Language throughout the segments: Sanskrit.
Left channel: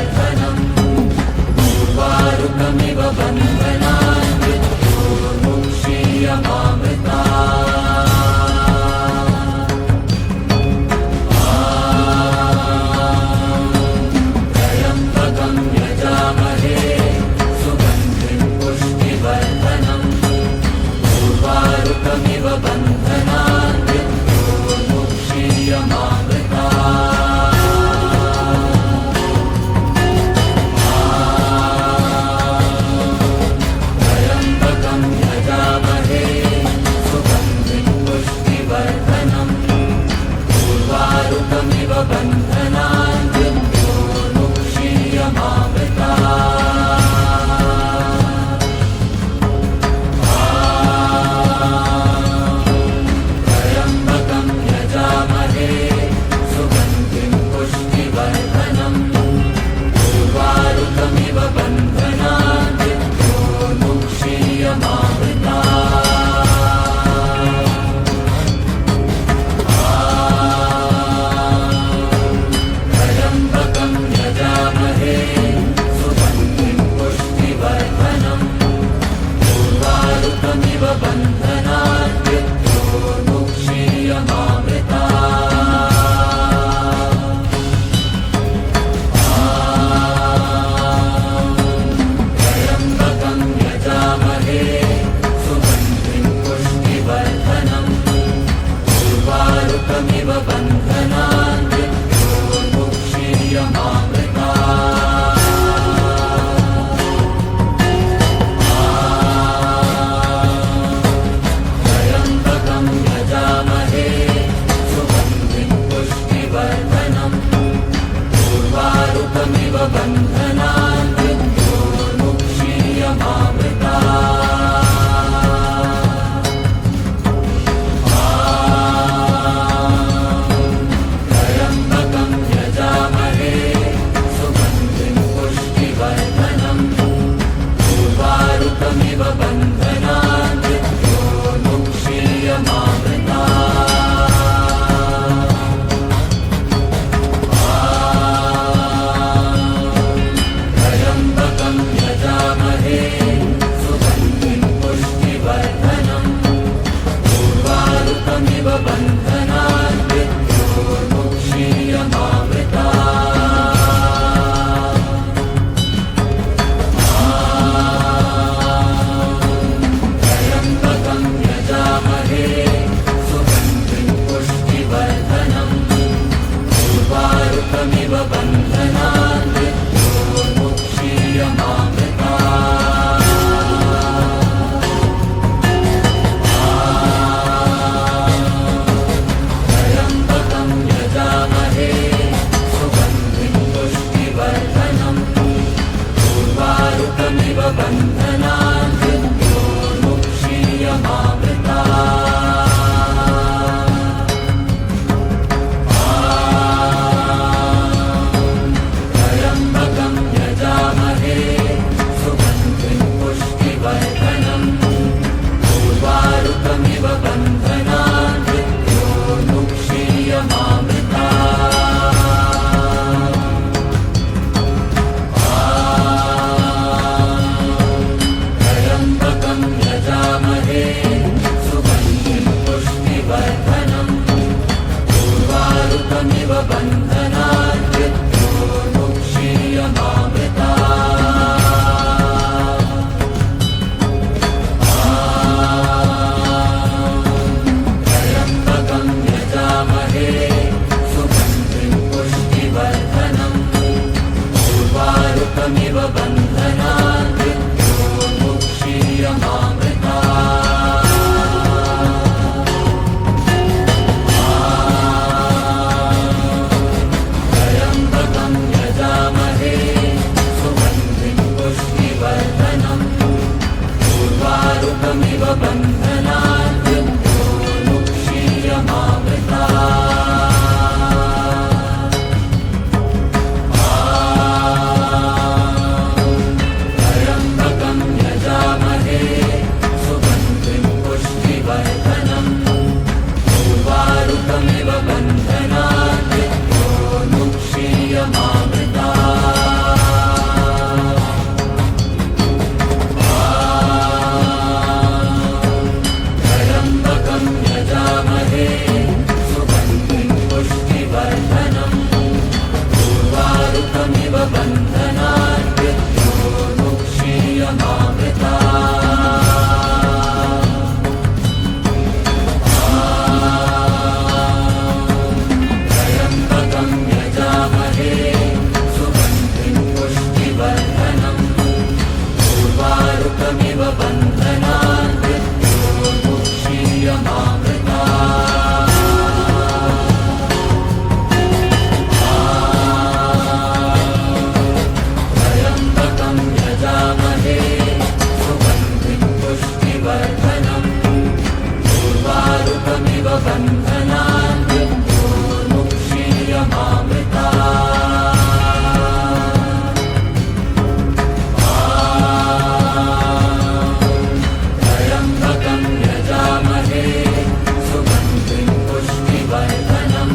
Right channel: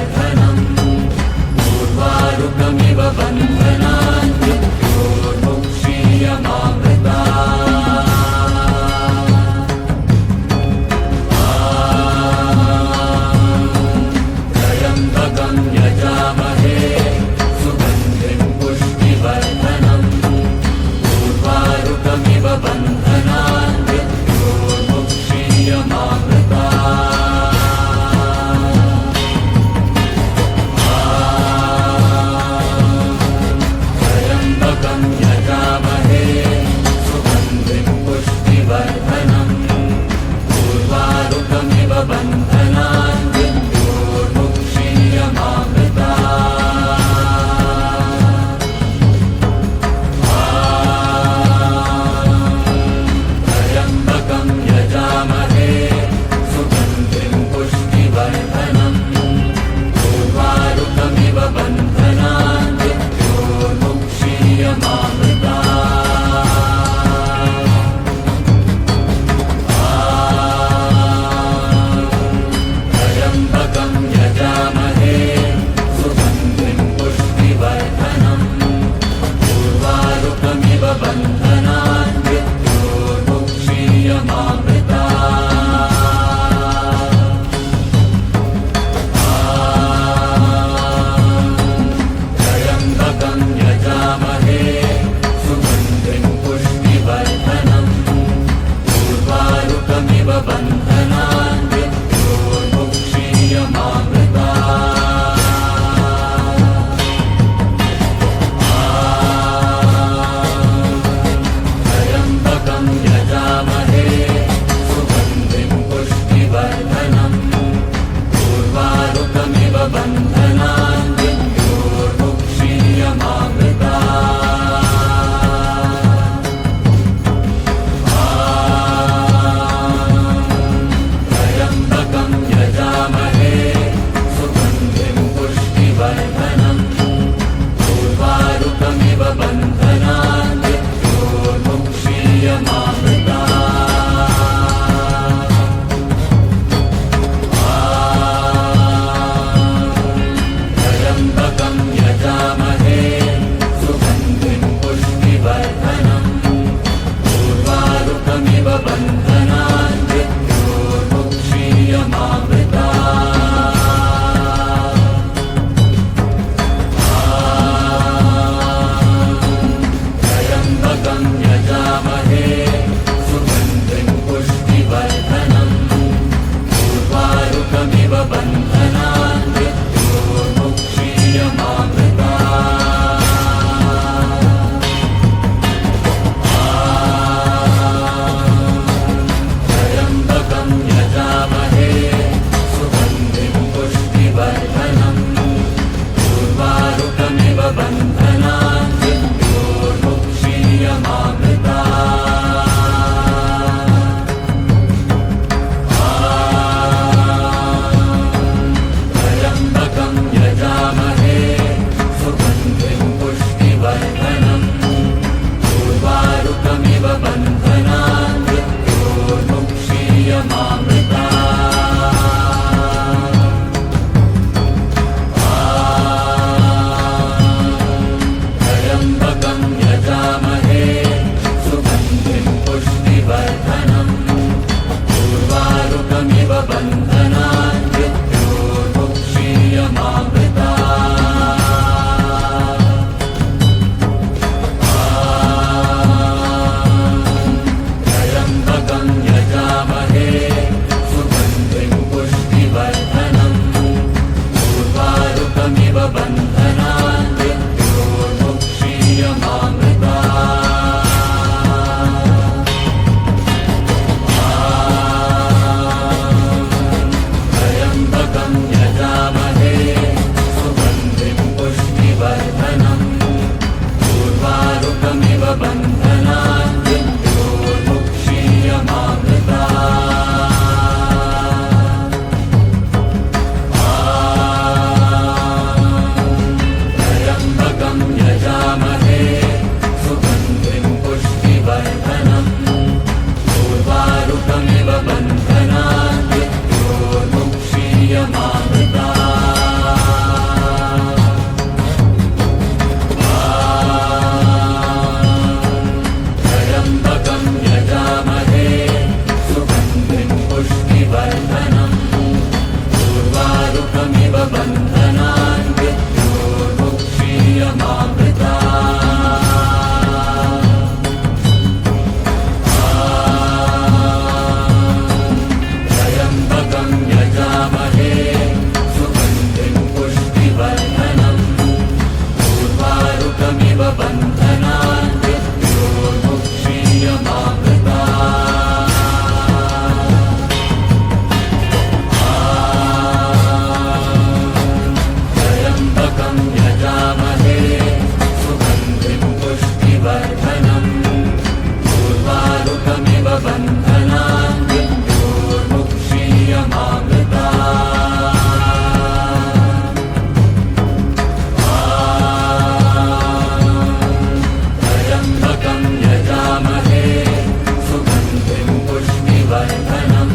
वर्धनम् पूर्वारुकमिव बन्धनान् मृत्योर्मुक्षीयमामृता त्र्यम्बकं यजामहे सुगन्धिं पुष्टिवर्धनम् पूर्वारुकमिव बन्धनान् मृत्योर्मुक्षीयमामृता त्र्यम्बकं यजामहे सुगन्धिं पुष्टिवर्धनम् पूर्वारुकमिव बन्धनान् मृत्योर्मुक्षीयमामृता त्र्यम्बकं यजामहे सुगन्धिं पुष्टिवर्धनम् पूर्वारुकमिव बन्धनान् मृत्योर्मुक्षीयमामृता त्र्यम्बकं यजामहे सुगन्धिं पुष्टिवर्धनम् पूर्वारुकमिव बन्धनान् मृत्योर्मुक्षीयमामृता त्र्यम्बकं यजामहे सुगन्धिं पुष्टिवर्धनम् पूर्वारुकमिव बन्धनान् मृत्योर्मुक्षीयमामृता त्र्यम्बकं यजामहे सुगन्धिं पुष्टिवर्धनम् पूर्वारुकमिव बन्धनान् मृत्योर्मुक्षीयमामृता त्र्यम्बकं यजामहे सुगन्धिं पुष्टिवर्धनम् पूर्वारुकमिव बन्धनान् मृत्योर्मुक्षीयमामृता त्र्यम्बकं यजामहे सुगन्धिं पुष्टिवर्धनम् पूर्वारुकमिव बन्धनान् मृत्योर्मुक्षीयमामृता त्र्यम्बकं यजामहे सुगन्धिं पुष्टिवर्धनम् पूर्वारुकमिव बन्धनान् मृत्योर्मुक्षीयमामृता त्र्यम्बकं यजामहे सुगन्धिं पुष्टिवर्धनम् पूर्वारुकमिव बन्धनान् मृत्योर्मुक्षीयमामृता त्र्यम्बकं यजामहे सुगन्धिं पुष्टिवर्धनम् पूर्वारुकमिव बन्धनान् मृत्योर्मुक्षीयमामृता त्र्यम्बकं यजामहे सुगन्धिं पुष्टिवर्धनम् पूर्वारुकमिव बन्धनान् मृत्योर्मुक्षीयमामृता त्र्यम्बकं यजामहे सुगन्धिं पुष्टिवर्धनम् पूर्वारुकमिव बन्धनान् मृत्योर्मुक्षीयमामृता त्र्यम्बकं यजामहे सुगन्धिं पुष्टिवर्धनम् पूर्वारुकमिव बन्धनान् मृत्योर्मुक्षीयमामृता बन्धनान् मृत्योर्मुक्षीयमामृता त्र्यम्बकं यजामहे सुगन्धिं पुष्टिवर्धनम् उर्वारुकमिव बन्धनान् मृत्योर्मुक्षीयमामृता बन्धनान् मृत्योर्मुक्षीयमामृता त्र्यम्बकं यजामहे सुगन्धिं पुष्टिवर्धनम्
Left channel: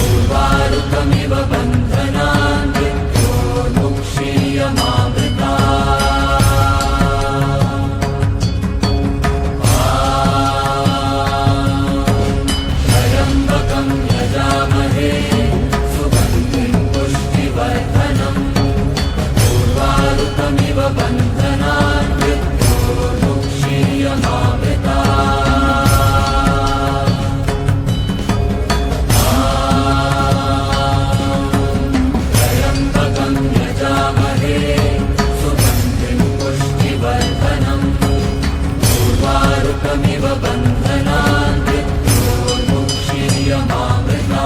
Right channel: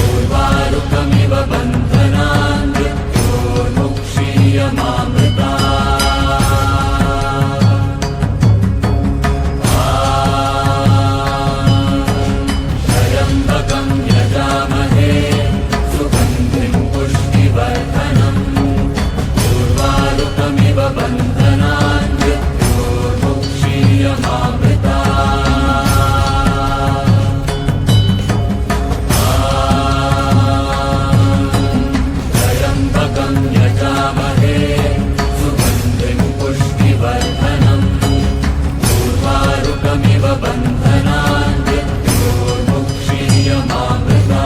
उर्वारुकमिव बन्धनान् मृत्योर्मुक्षीयमामृता बन्धनान् मृत्योर्मुक्षीयमामृता त्र्यम्बकं यजामहे सुगन्धिं पुष्टिवर्धनम् उर्वारुकमिव बन्धनान् मृत्योर्मुक्षीयमामृता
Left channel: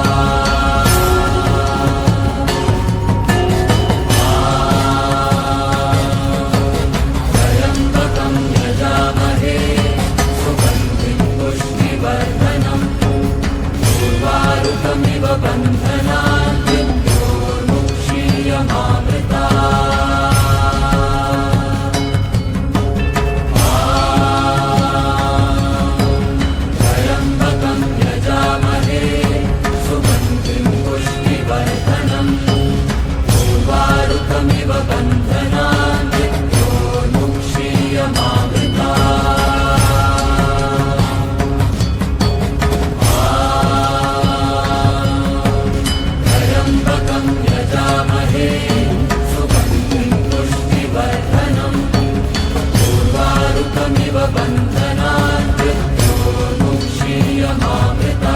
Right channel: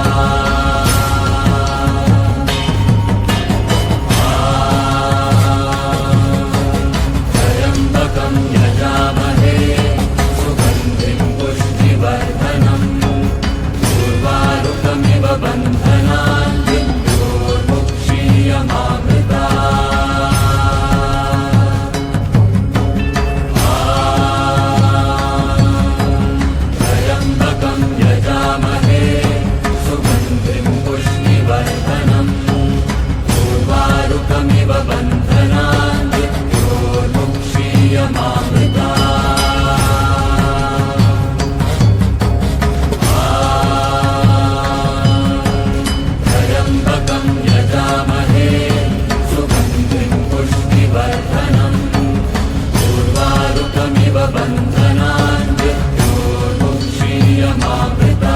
बन्धनान् मृत्योर्मुक्षीयमामृता त्र्यम्बकं यजामहे सुगन्धिं पुष्टिवर्धनम् उर्वारुकमिव बन्धनान् मृत्योर्मुक्षीयमामृता बन्धनान् मृत्योर्मुक्षीयमामृता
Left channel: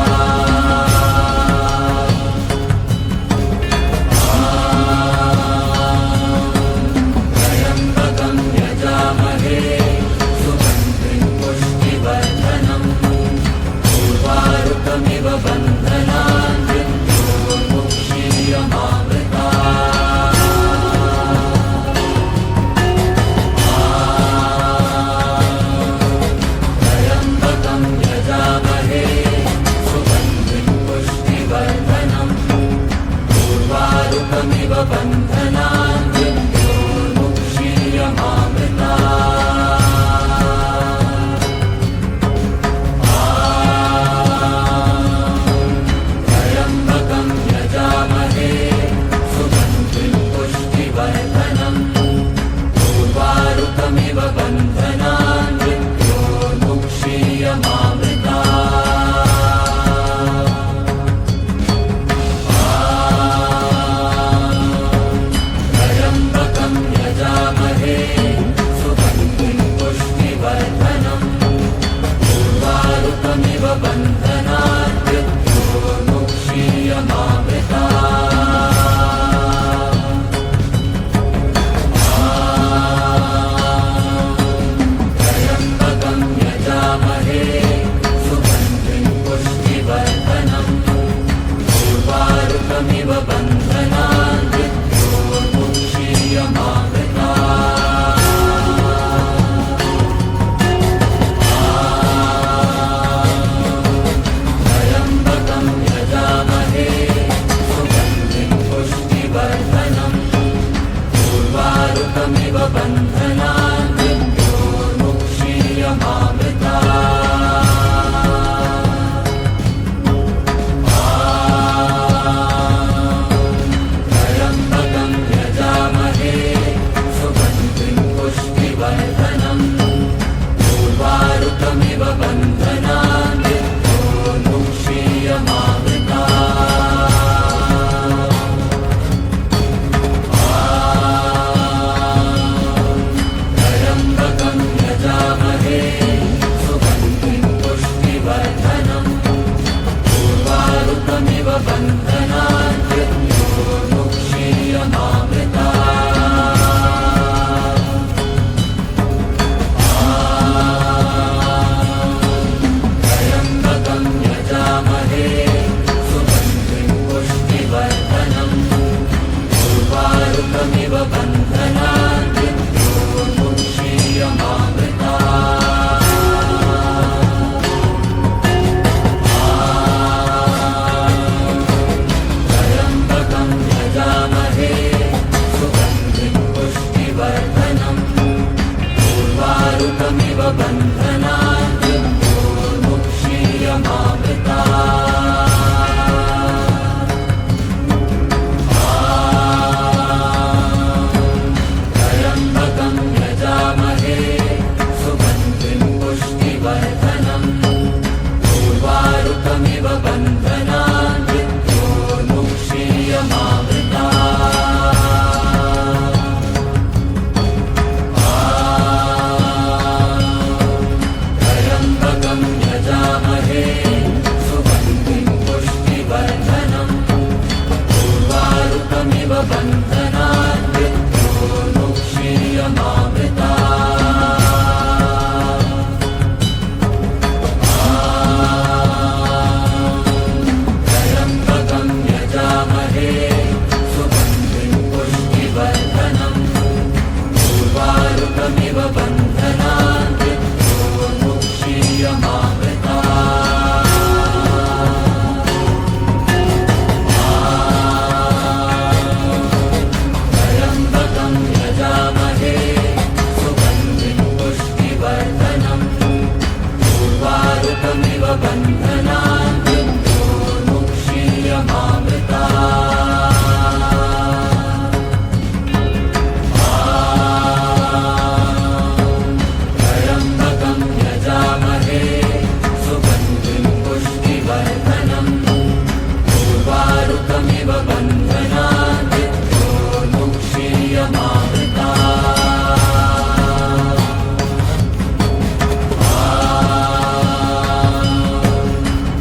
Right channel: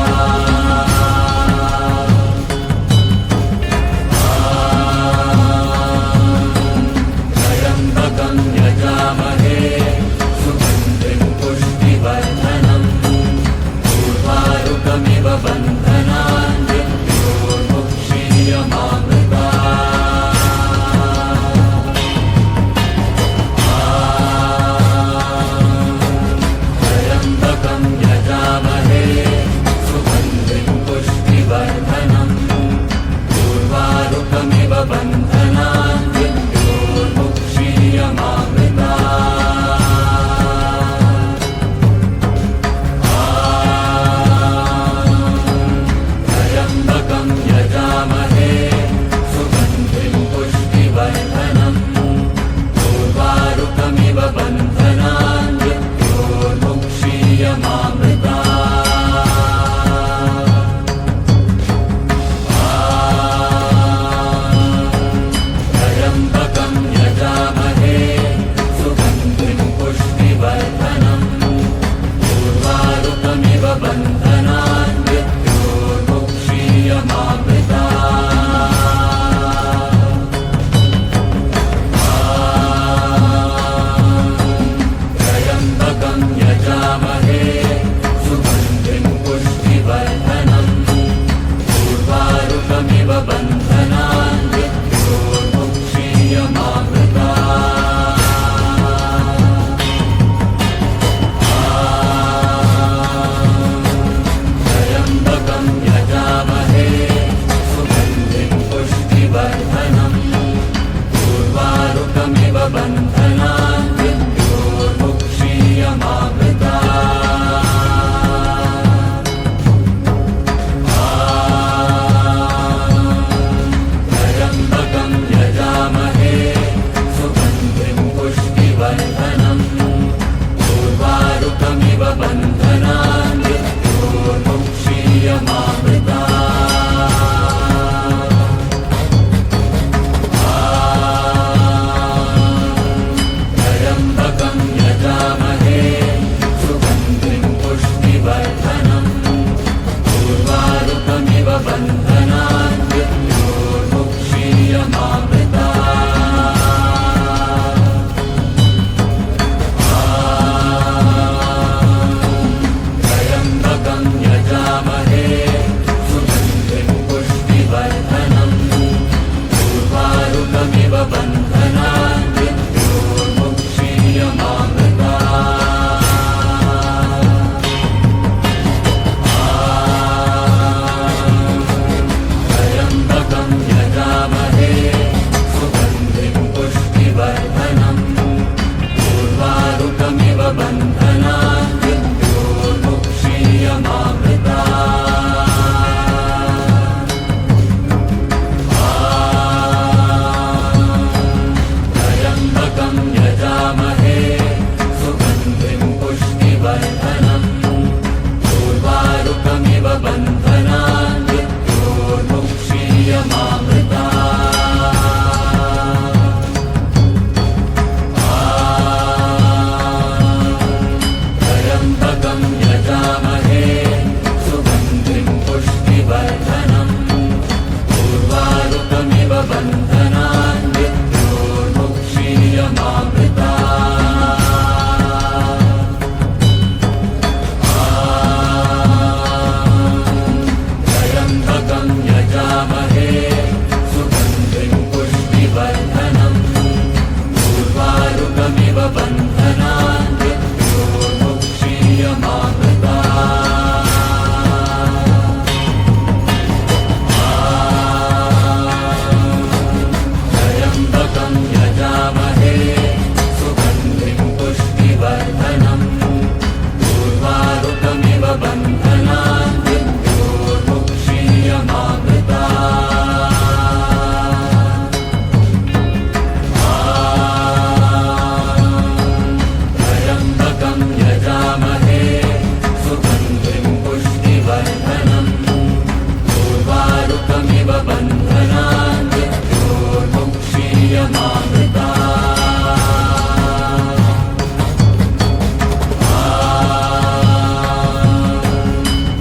उर्वारुकमिव बन्धनान् त्र्यम्बकं यजामहे सुगन्धिं पुष्टिवर्धनम् उर्वारुकमिव बन्धनान् त्र्यम्बकं यजामहे सुगन्धिं पुष्टिवर्धनम् उर्वारुकमिव बन्धनान् त्र्यम्बकं यजामहे सुगन्धिं पुष्टिवर्धनम् उर्वारुकमिव बन्धनान् त्र्यम्बकं यजामहे सुगन्धिं पुष्टिवर्धनम् उर्वारुकमिव बन्धनान् त्र्यम्बकं यजामहे सुगन्धिं पुष्टिवर्धनम् उर्वारुकमिव बन्धनान् त्र्यम्बकं यजामहे सुगन्धिं पुष्टिवर्धनम् उर्वारुकमिव बन्धनान्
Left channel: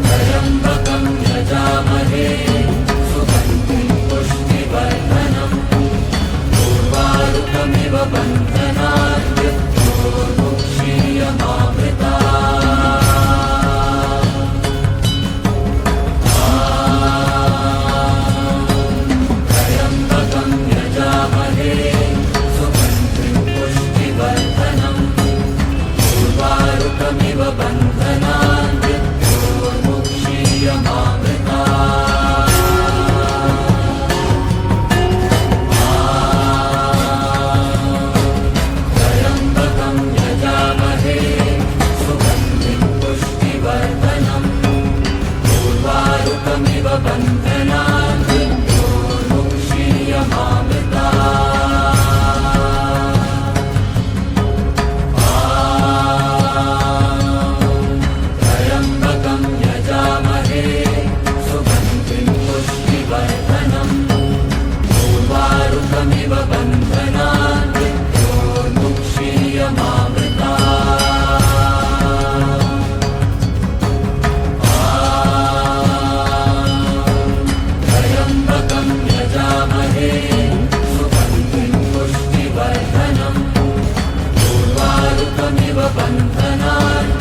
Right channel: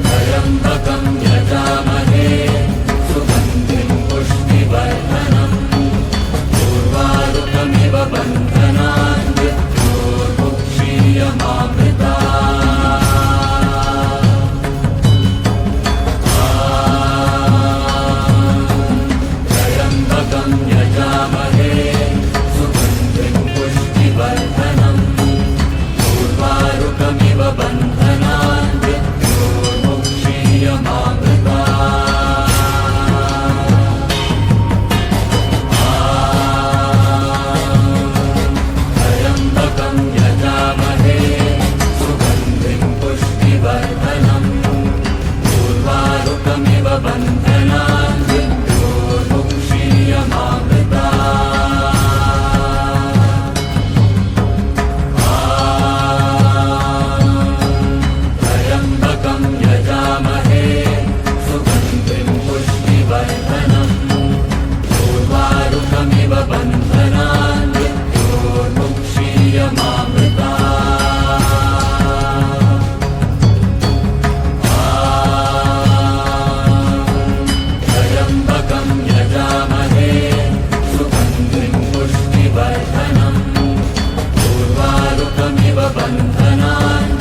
त्र्यम्बकं यजामहे सुगन्धिं पुष्टिवर्धनम् उर्वारुकमिव बन्धनान् त्र्यम्बकं यजामहे सुगन्धिं पुष्टिवर्धनम् उर्वारुकमिव बन्धनान् त्र्यम्बकं यजामहे सुगन्धिं पुष्टिवर्धनम् उर्वारुकमिव बन्धनान् त्र्यम्बकं यजामहे सुगन्धिं पुष्टिवर्धनम् उर्वारुकमिव बन्धनान् त्र्यम्बकं यजामहे सुगन्धिं पुष्टिवर्धनम् उर्वारुकमिव बन्धनान्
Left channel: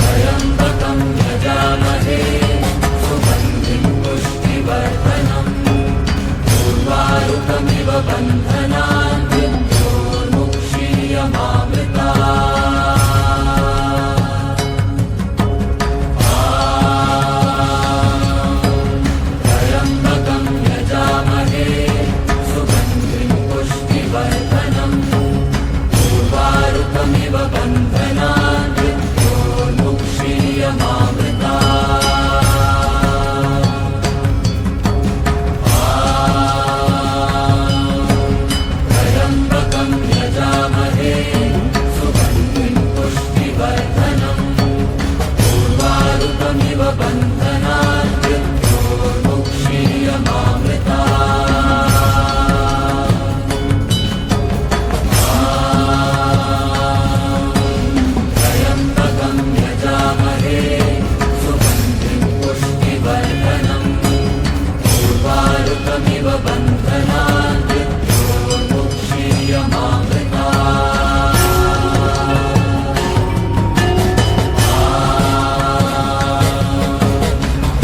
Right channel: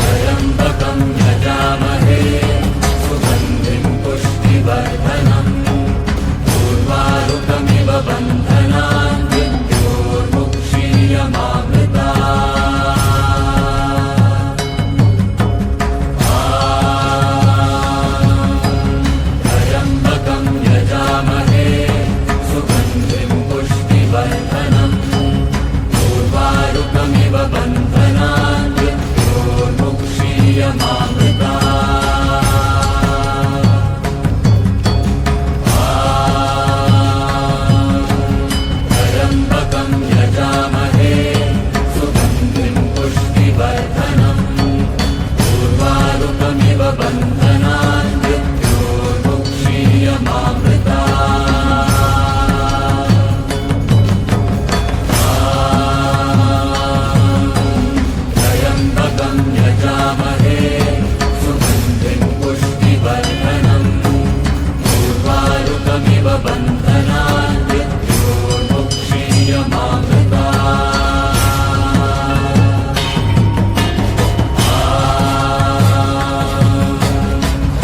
त्र्यम्बकं यजामहे सुगन्धिं पुष्टिवर्धनम् उर्वारुकमिव बन्धनान् त्र्यम्बकं यजामहे सुगन्धिं पुष्टिवर्धनम् उर्वारुकमिव बन्धनान् त्र्यम्बकं यजामहे सुगन्धिं पुष्टिवर्धनम् उर्वारुकमिव बन्धनान् त्र्यम्बकं यजामहे सुगन्धिं पुष्टिवर्धनम् उर्वारुकमिव बन्धनान्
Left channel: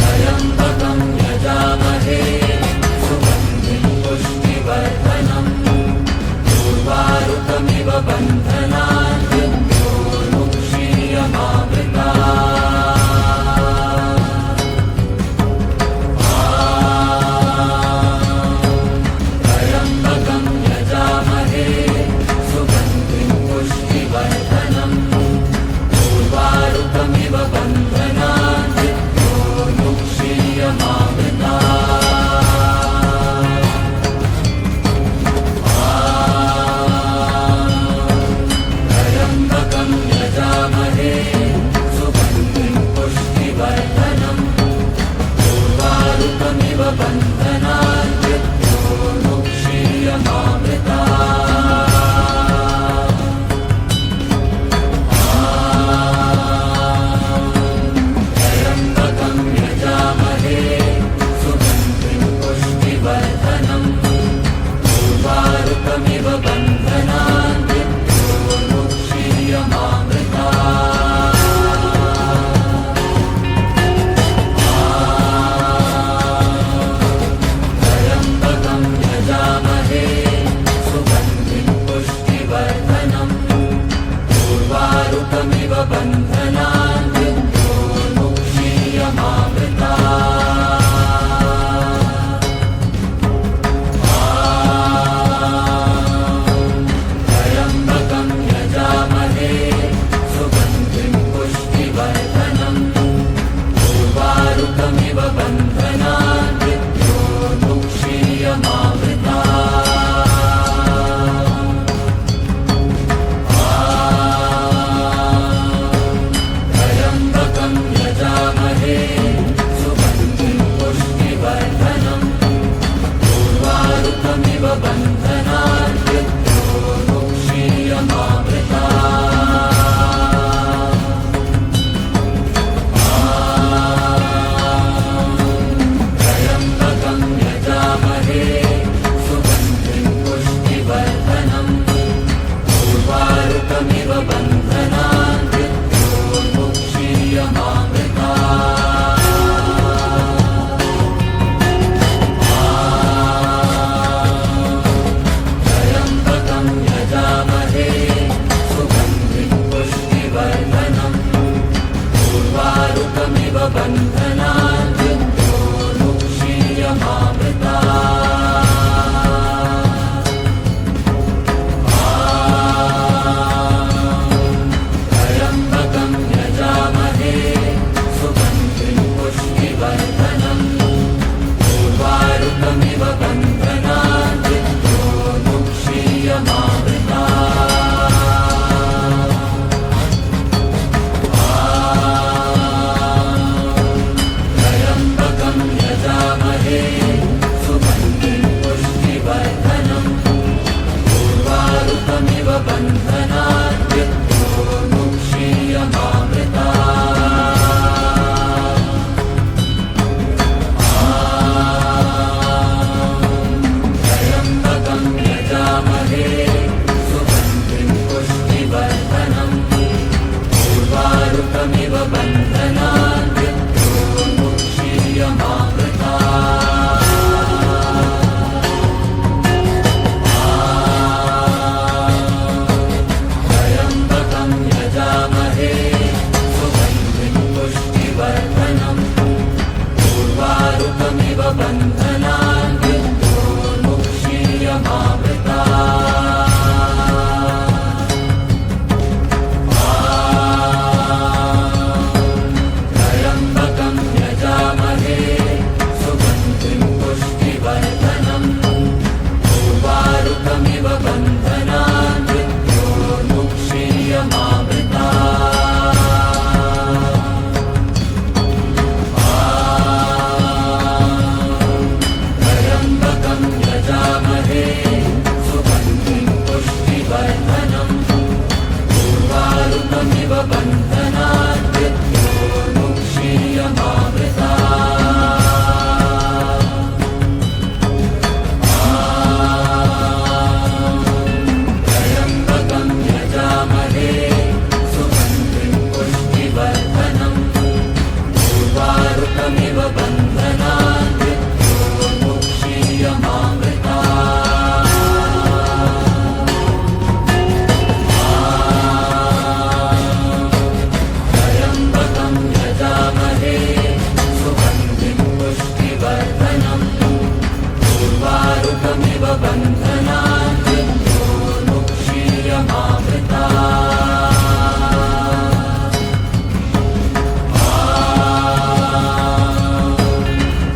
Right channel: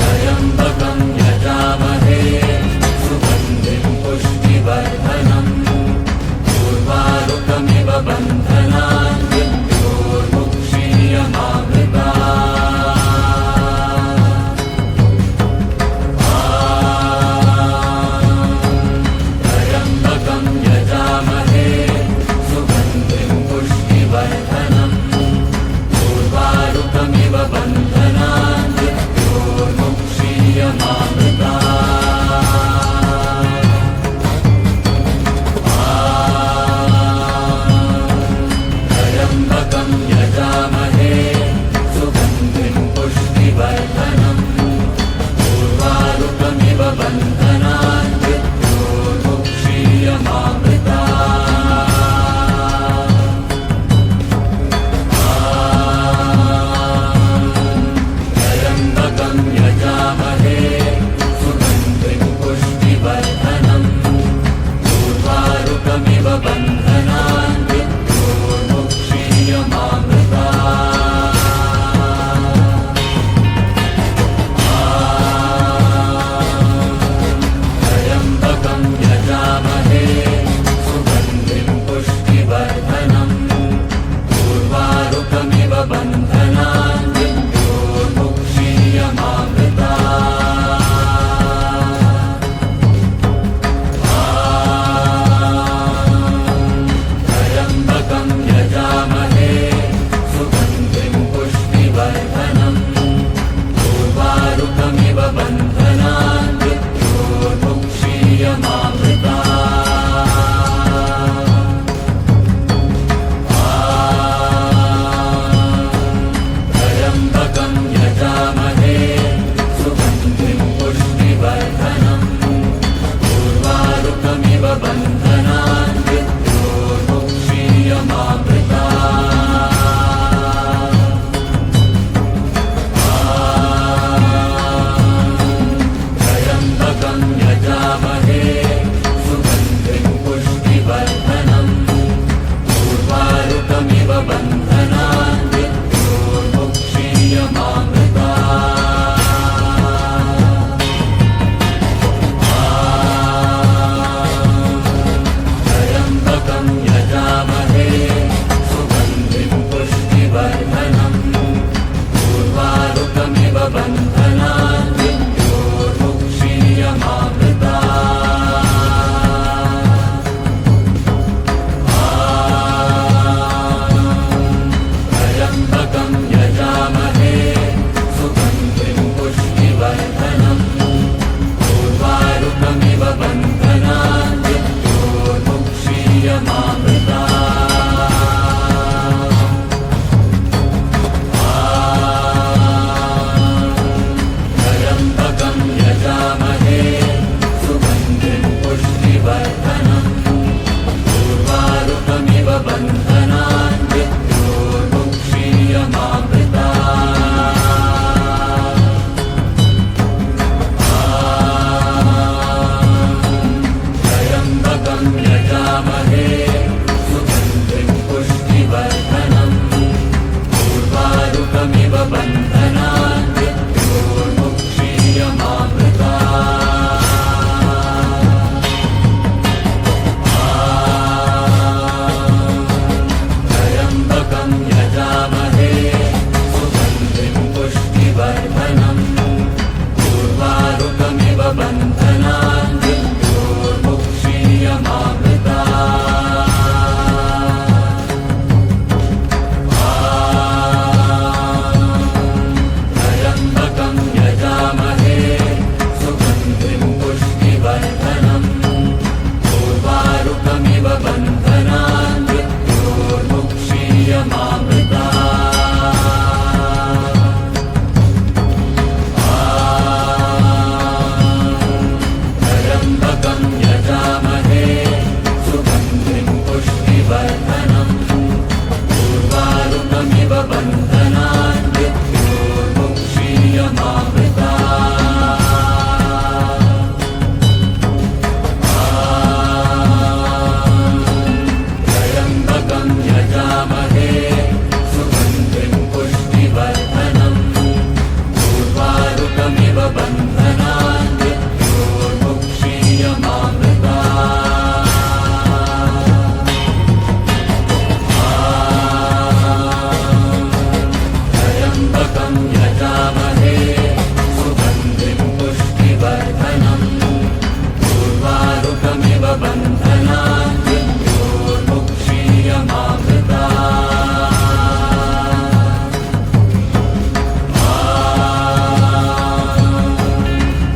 त्र्यम्बकं यजामहे सुगन्धिं पुष्टिवर्धनम् उर्वारुकमिव बन्धनान् त्र्यम्बकं यजामहे सुगन्धिं पुष्टिवर्धनम् उर्वारुकमिव बन्धनान् त्र्यम्बकं यजामहे सुगन्धिं पुष्टिवर्धनम् उर्वारुकमिव बन्धनान् त्र्यम्बकं यजामहे सुगन्धिं पुष्टिवर्धनम् उर्वारुकमिव बन्धनान् त्र्यम्बकं यजामहे सुगन्धिं पुष्टिवर्धनम् उर्वारुकमिव बन्धनान् त्र्यम्बकं यजामहे सुगन्धिं पुष्टिवर्धनम् उर्वारुकमिव बन्धनान् त्र्यम्बकं यजामहे सुगन्धिं पुष्टिवर्धनम् उर्वारुकमिव बन्धनान् त्र्यम्बकं यजामहे सुगन्धिं पुष्टिवर्धनम् उर्वारुकमिव बन्धनान् यजामहे सुगन्धिं पुष्टिवर्धनम् उर्वारुकमिव बन्धनान् त्र्यम्बकं यजामहे सुगन्धिं पुष्टिवर्धनम् उर्वारुकमिव बन्धनान् त्र्यम्बकं यजामहे सुगन्धिं पुष्टिवर्धनम् उर्वारुकमिव बन्धनान् त्र्यम्बकं यजामहे सुगन्धिं पुष्टिवर्धनम् उर्वारुकमिव बन्धनान् त्र्यम्बकं यजामहे सुगन्धिं पुष्टिवर्धनम् उर्वारुकमिव बन्धनान् त्र्यम्बकं यजामहे सुगन्धिं पुष्टिवर्धनम् उर्वारुकमिव बन्धनान्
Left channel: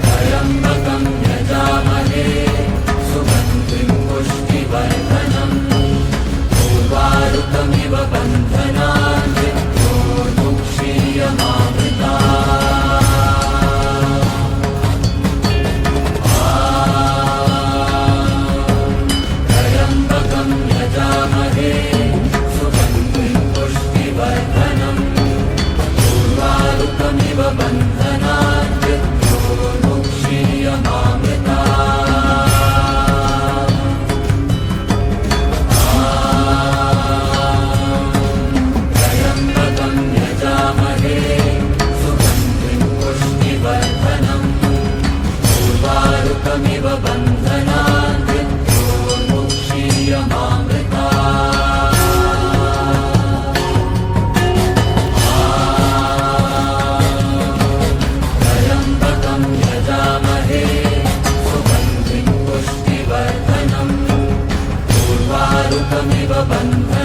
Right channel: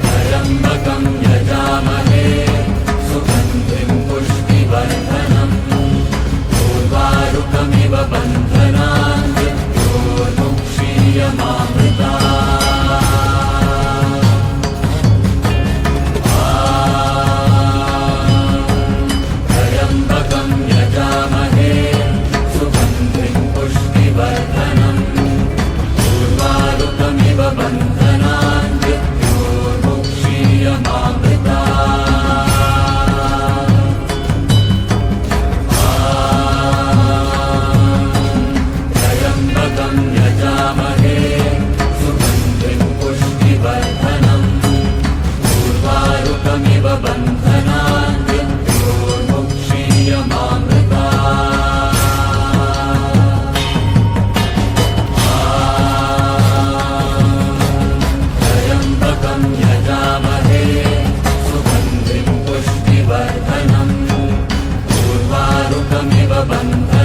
त्र्यम्बकं यजामहे सुगन्धिं पुष्टिवर्धनम् उर्वारुकमिव बन्धनान् त्र्यम्बकं यजामहे सुगन्धिं पुष्टिवर्धनम् उर्वारुकमिव बन्धनान् त्र्यम्बकं यजामहे सुगन्धिं पुष्टिवर्धनम् उर्वारुकमिव बन्धनान् त्र्यम्बकं यजामहे सुगन्धिं पुष्टिवर्धनम् उर्वारुकमिव बन्धनान्